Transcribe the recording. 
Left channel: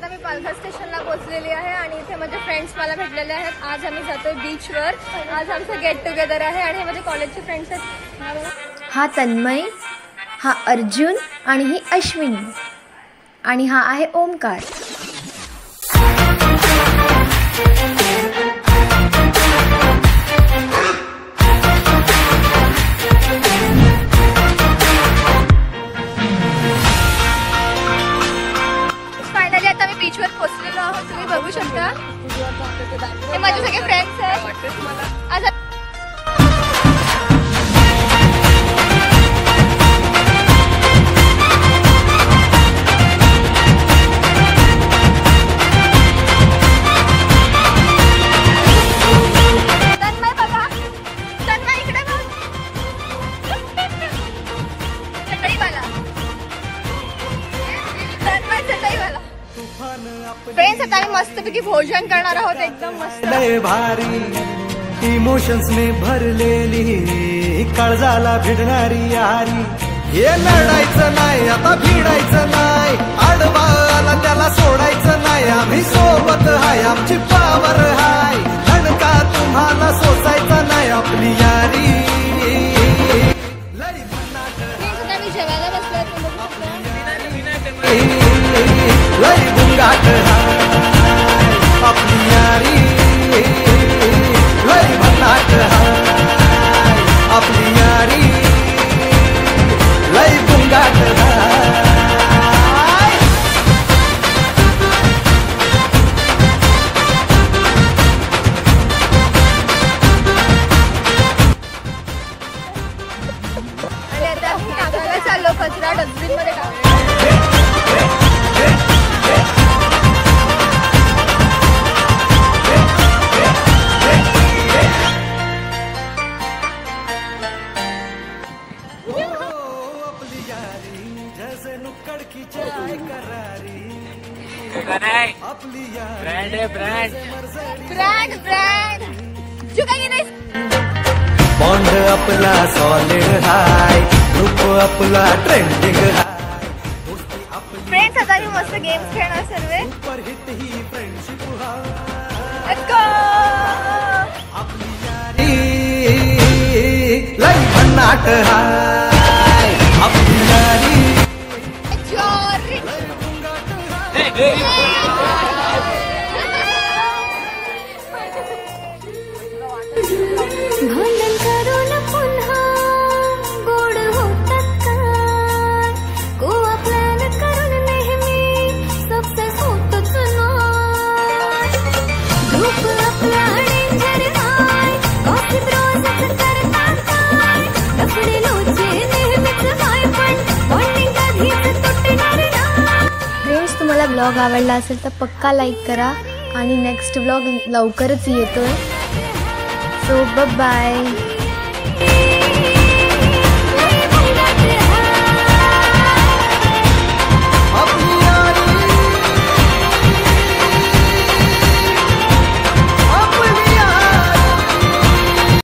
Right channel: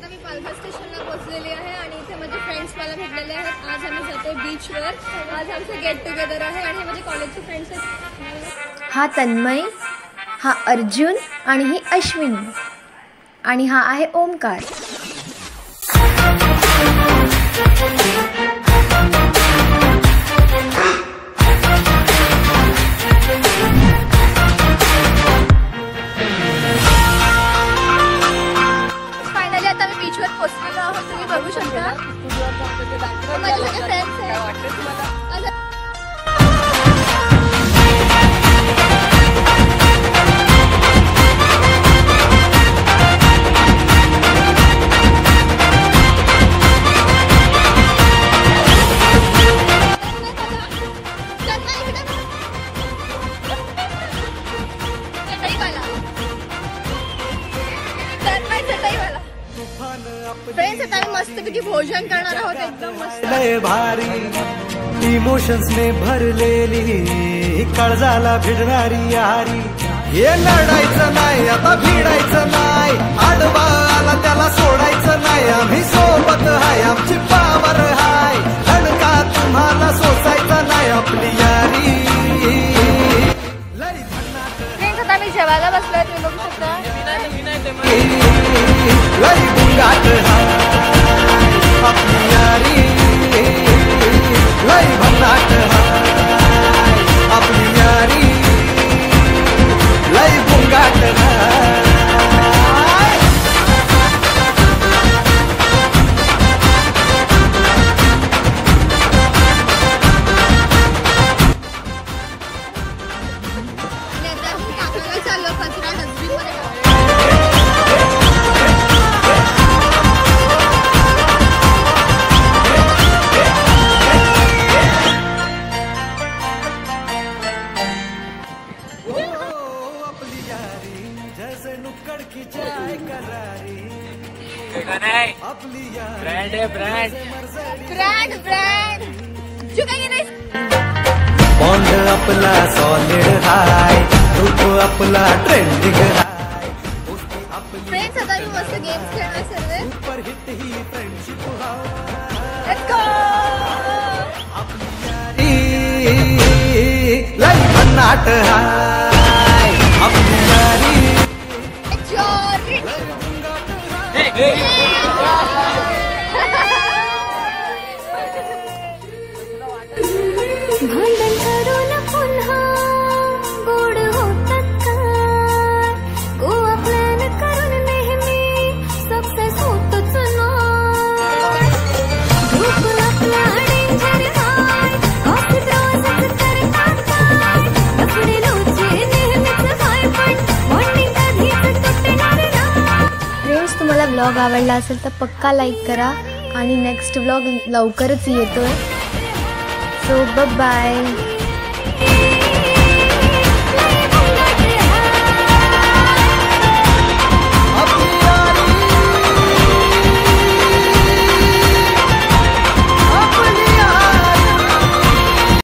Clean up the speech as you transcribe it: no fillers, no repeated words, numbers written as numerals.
आता मी पालघर स्टेशनला पोहोचलेली आहे आणि इथे माझे फ्रेंड्स मला भेटलेले आहेत। आज आम्ही जातोय बीचवर। आज आमचं गेट टुगेदर आहे आणि माझे कॉलेजचे फ्रेंड्स आहेत। हा तन्मय, हा अर्जुन आणि ही अश्विनी आणि हा आहे ओमकार। फायनली आता मी बीचवर पोहोचलेलो आहोत। तुम्ही बघू शकता हे माझे सगळे फ्रेंड्स आहेत। फ्रेंड्स आता आम्ही मस्तपैकी भोजन करणार आहोत, एकदम मस्त लय भारी इमोशन्स ने भरलेली काळजाला भिडणारी यारी। हे लढायचं नाही आता भिडायचं नाही, आडवा आला त्याला सोडायचं नाही। आम्ही सोबत हाय, आमची पावर हाय, धडका तुम्हाला सोसायचा नाही आपली यारी। लय भन्नाट फ्रेंड्स आता आम्ही जेवायला बसलोय, तुम्ही बघू शकता लय बुंगाट हाय आपली यारी। लय भन्नाट हाय आपली यारी, लय बुंगाट हाय। आणि आता आम्ही टाकायला चाललो, कचरा डस्टबिन मध्ये टाकला। जैसे नुक्कड़ की चाय करारी आपली ब्रँड आहे ब्रँड ब्रँड ब्रँड चुकाई नाही। बॉन्ड आपला सॉलिड हाय, ग्रुप आपला ट्रेंडिंग हाय, दोस्ती आपली फ्रेंड्स आता आम्ही मस्त गेम्स खेळणार सर्व। Super hit he friendship high. Let's go. आपली यारी लय भन्नाट हाय आपली यारी। जॉरी भांडण करून पुन्हा गोड होतात काय, गोवा प्लॅन करून नेहमी सक्सेस होतच नाही। ग्रुप आपला डेंजर हाय, गॉसिप रोजच करतात काय, लफडे लोचे नेहमीच हाय, पण बॉन्डिंग कधीच तुटणार नाही। फ्रेंड्स, तुम्हाला ब्लॉग आवडला असेल तर पक्का लाईक करा आणि नेक्स्ट ब्लॉग लवकरच येतोय। So bye bye.